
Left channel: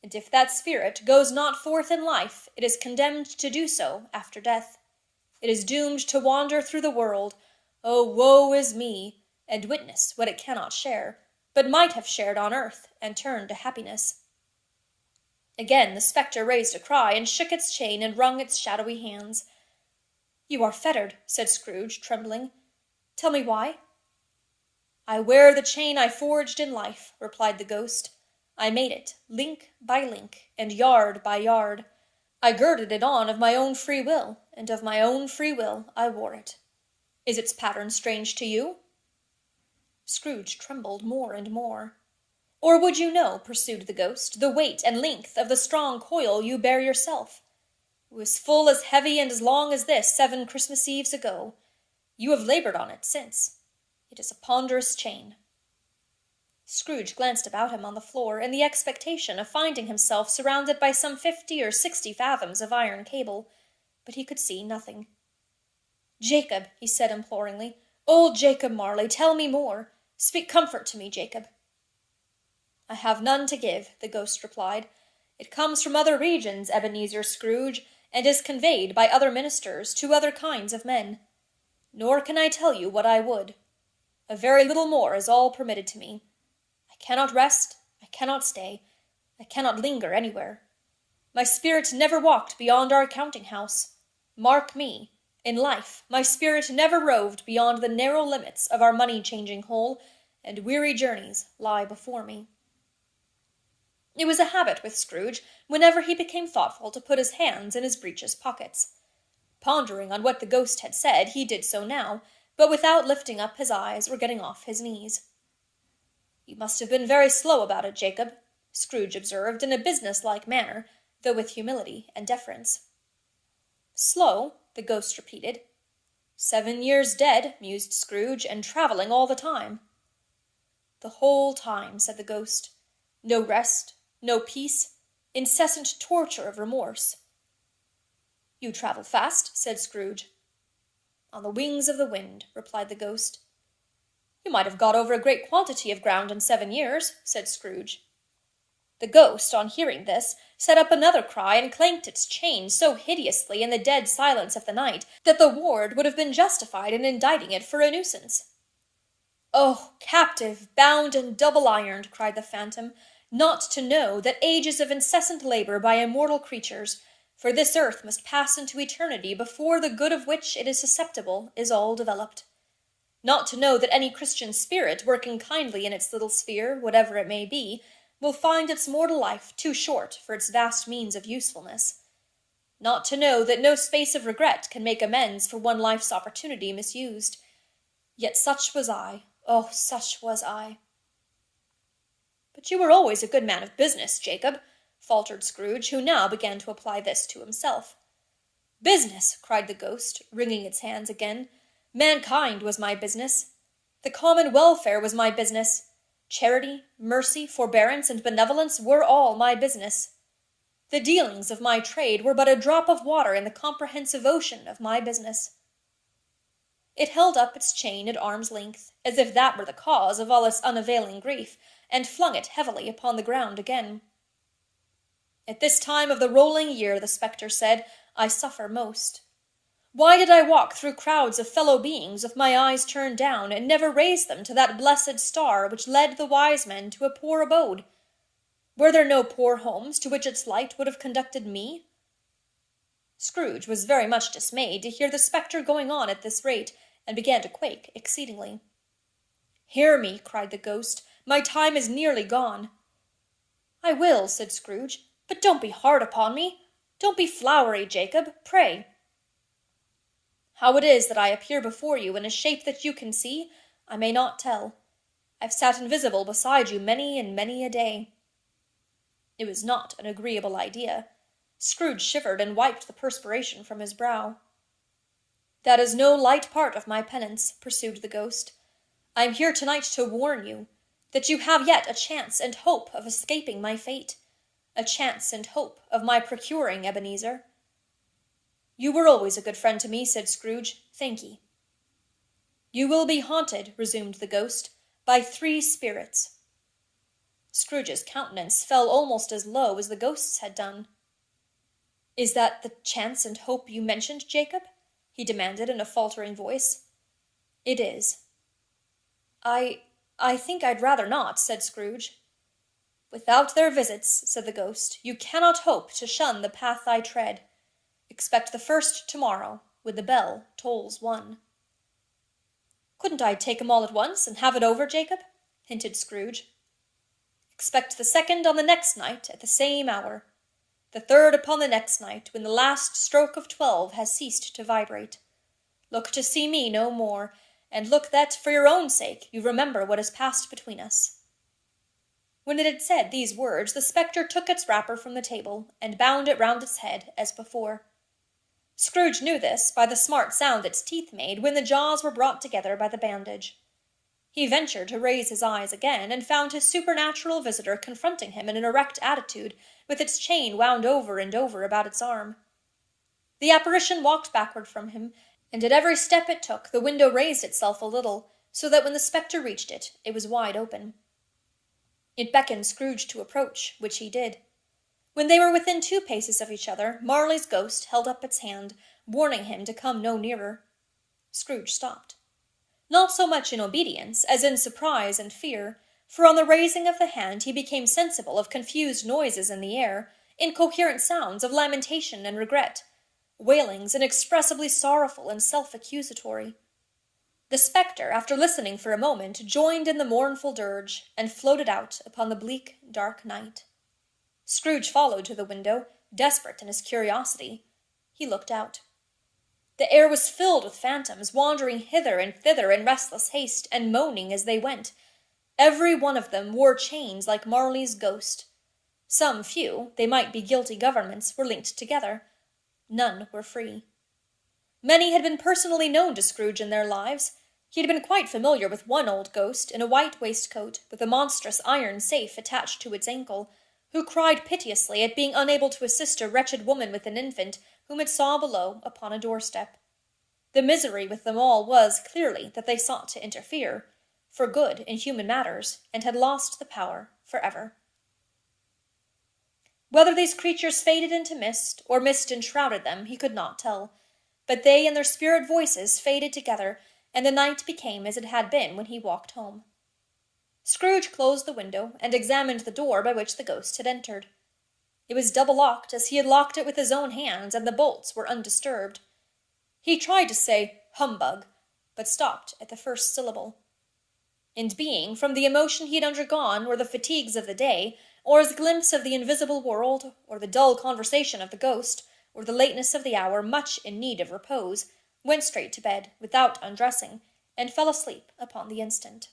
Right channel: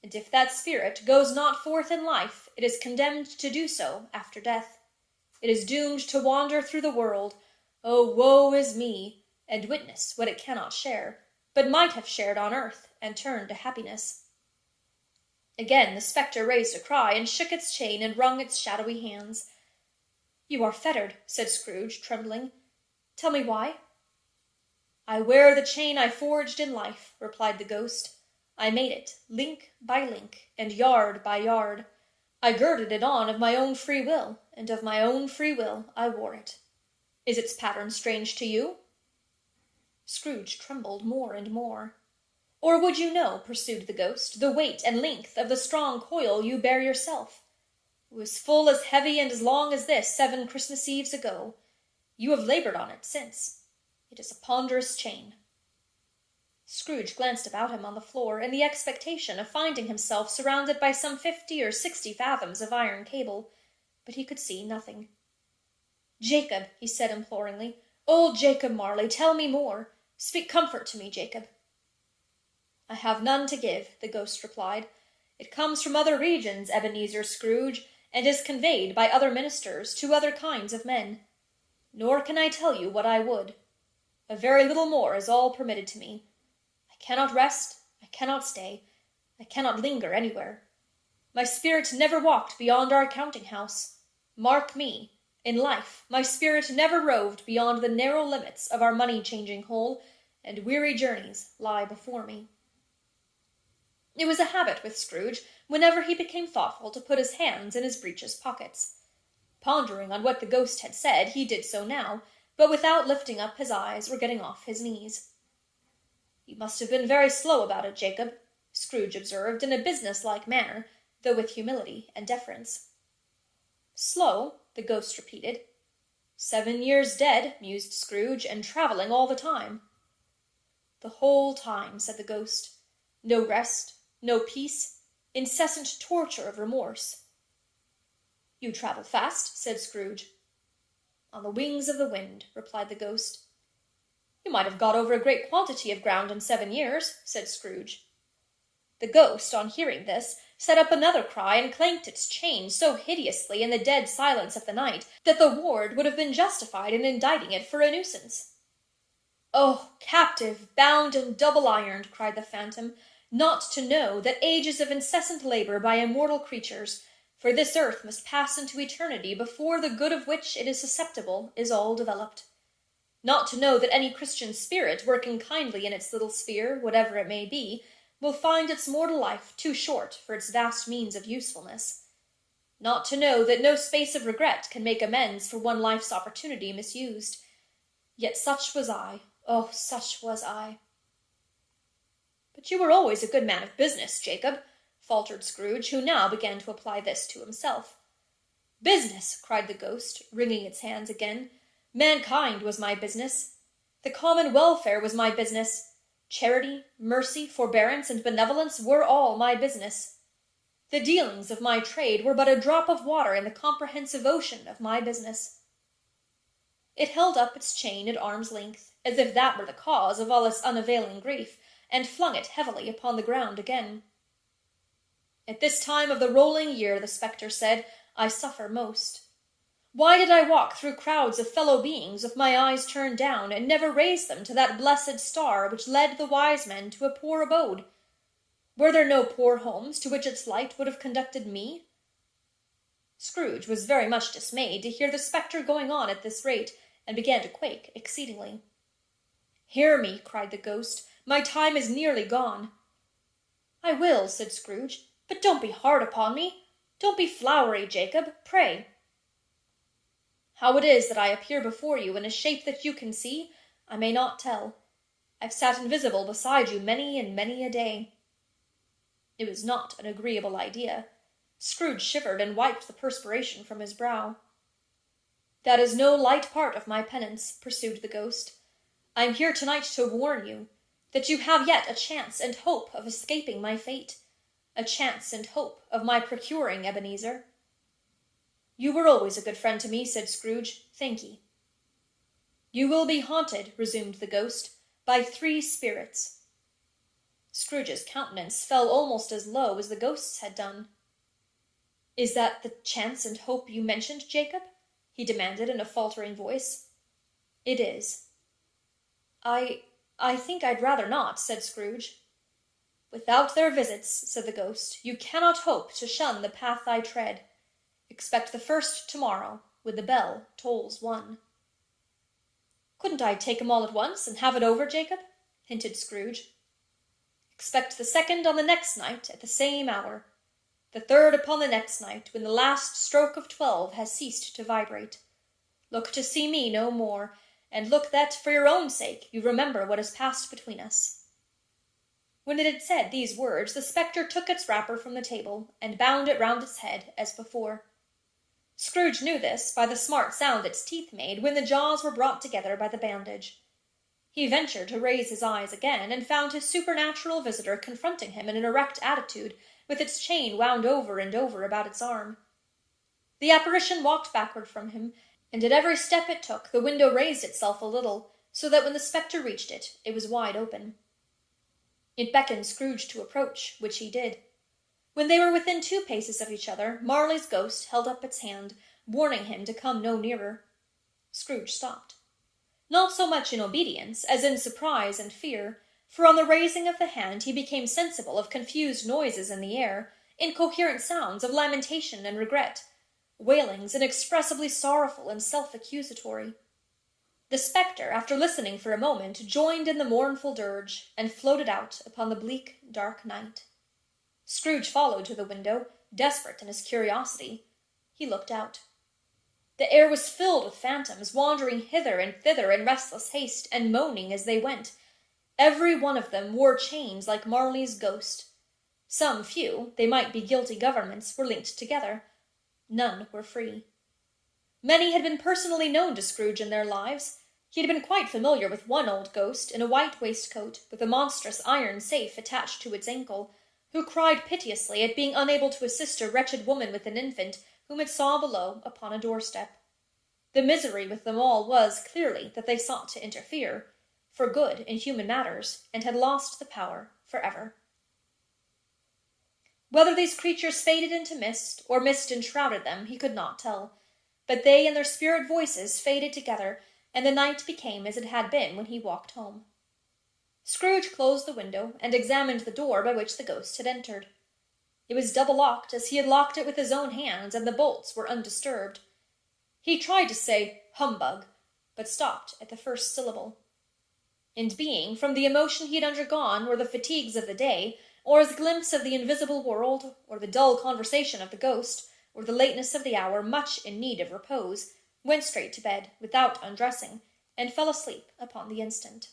And if that spirit goes not forth in life, it is condemned to do so after death. It is doomed to wander through the world, oh, woe is me, and witness what it cannot share, but might have shared on earth, and turned to happiness." Again the spectre raised a cry, and shook its chain, and wrung its shadowy hands. "You are fettered," said Scrooge, trembling. "Tell me why?" "I wear the chain I forged in life," replied the ghost. "I made it, link by link, and yard by yard. I girded it on of my own free will, and of my own free will I wore it. Is its pattern strange to you?" Scrooge trembled more and more. "Or would you know," pursued the ghost, "the weight and length of the strong coil you bear yourself? It was full as heavy and as long as this 7 Christmas Eves ago. You have labored on it since. It is a ponderous chain." Scrooge glanced about him on the floor, in the expectation of finding himself surrounded by some 50 or 60 fathoms of iron cable, but he could see nothing. "Jacob," he said imploringly, "old Jacob Marley, tell me more. Speak comfort to me, Jacob." "I have none to give," the ghost replied. "It comes from other regions, Ebenezer Scrooge, and is conveyed by other ministers to other kinds of men. Nor can I tell you what I would. A very little more is all permitted to me. I cannot rest, I cannot stay, I cannot linger anywhere. My spirit never walked beyond our counting-house. Mark me, In life, my spirit never roved beyond the narrow limits of our money-changing hole, and weary journeys lie before me. It was a habit with Scrooge, whenever he became thoughtful, to put his hands in his breeches pockets. Pondering on what the ghost had said, he did so now, but without lifting up his eyes or getting off his knees. "You must have been very slow about it, Jacob," Scrooge observed in a business-like manner, though with humility and deference. "Slow?" the ghost repeated. "7 years dead," mused Scrooge, "and travelling all the time." "The whole time," said the ghost. "No rest, no peace, incessant torture of remorse." "You travel fast," said Scrooge. "On the wings of the wind," replied the ghost. "You might have got over a great quantity of ground in 7 years," said Scrooge. The ghost, on hearing this, set up another cry and clanked its chain so hideously in the dead silence of the night that the ward would have been justified in indicting it for a nuisance. "Oh, captive, bound and double-ironed," cried the phantom, "not to know that ages of incessant labor by immortal creatures, for this earth must pass into eternity before the good of which it is susceptible is all developed. Not to know that any Christian spirit, working kindly in its little sphere, whatever it may be, will find its mortal life too short for its vast means of usefulness. Not to know that no space of regret can make amends for one life's opportunity misused. Yet such was I, oh, such was I." "But you were always a good man of business, Jacob," faltered Scrooge, who now began to apply this to himself. "Business!" cried the ghost, wringing its hands again. "Mankind was my business. The common welfare was my business. Charity, mercy, forbearance, and benevolence were all my business. The dealings of my trade were but a drop of water in the comprehensive ocean of my business." It held up its chain at arm's length, as if that were the cause of all its unavailing grief, and flung it heavily upon the ground again. "At this time of the rolling year," the spectre said, "I suffer most. Why did I walk through crowds of fellow beings with my eyes turned down, and never raise them to that blessed star which led the wise men to a poor abode? Were there no poor homes to which its light would have conducted me?" Scrooge was very much dismayed to hear the spectre going on at this rate, and began to quake exceedingly. "Hear me," cried the ghost. "My time is nearly gone." "I will," said Scrooge, "but don't be hard upon me. Don't be flowery, Jacob, pray." "How it is that I appear before you in a shape that you can see, I may not tell. I've sat invisible beside you many and many a day." It was not an agreeable idea. Scrooge shivered and wiped the perspiration from his brow. "That is no light part of my penance," pursued the ghost. "I am here tonight to warn you that you have yet a chance and hope of escaping my fate, a chance and hope of my procuring Ebenezer." "You were always a good friend to me," said Scrooge. "Thank ye." "You will be haunted," resumed the ghost, "by 3 spirits." Scrooge's countenance fell almost as low as the ghost's had done. "Is that the chance and hope you mentioned, Jacob?" he demanded in a faltering voice. "It is." I think I'd rather not," said Scrooge. "Without their visits," said the ghost, "you cannot hope to shun the path I tread. Expect the first tomorrow, with the bell tolls 1. "Couldn't I take 'em all at once, and have it over, Jacob?" hinted Scrooge. "Expect the second on the next night at the same hour. The third upon the next night, when the last stroke of 12 has ceased to vibrate. Look to see me no more, and look that, for your own sake, you remember what has passed between us." When it had said these words, the spectre took its wrapper from the table, and bound it round its head, as before. Scrooge knew this by the smart sound its teeth made when the jaws were brought together by the bandage. He ventured to raise his eyes again, and found his supernatural visitor confronting him in an erect attitude, with its chain wound over and over about its arm. The apparition walked backward from him, and at every step it took the window raised itself a little, so that when the spectre reached it, it was wide open. It beckoned Scrooge to approach, which he did. When they were within 2 paces of each other, Marley's ghost held up its hand, warning him to come no nearer. Scrooge stopped. Not so much in obedience as in surprise and fear, for on the raising of the hand he became sensible of confused noises in the air, incoherent sounds of lamentation and regret, wailings inexpressibly sorrowful and self-accusatory. The spectre, after listening for a moment, joined in the mournful dirge, and floated out upon the bleak, dark night. Scrooge followed to the window, desperate in his curiosity. He looked out. The air was filled with phantoms, wandering hither and thither in restless haste, and moaning as they went. Every one of them wore chains like Marley's ghost. Some few, they might be guilty governments, were linked together. None were free. Many had been personally known to Scrooge in their lives. He had been quite familiar with one old ghost in a white waistcoat, with a monstrous iron safe attached to its ankle, who cried piteously at being unable to assist a wretched woman with an infant whom it saw below upon a doorstep. The misery with them all was, clearly, that they sought to interfere, for good in human matters, and had lost the power forever. Whether these creatures faded into mist, or mist enshrouded them, he could not tell, but they and their spirit voices faded together, and the night became as it had been when he walked home. Scrooge closed the window, and examined the door by which the ghost had entered. It was double-locked, as he had locked it with his own hands, and the bolts were undisturbed. He tried to say, "Humbug," but stopped at the first syllable. And being, from the emotion he had undergone, or the fatigues of the day, or his glimpse of the invisible world, or the dull conversation of the ghost, or the lateness of the hour, much in need of repose, went straight to bed, without undressing, and fell asleep upon the instant.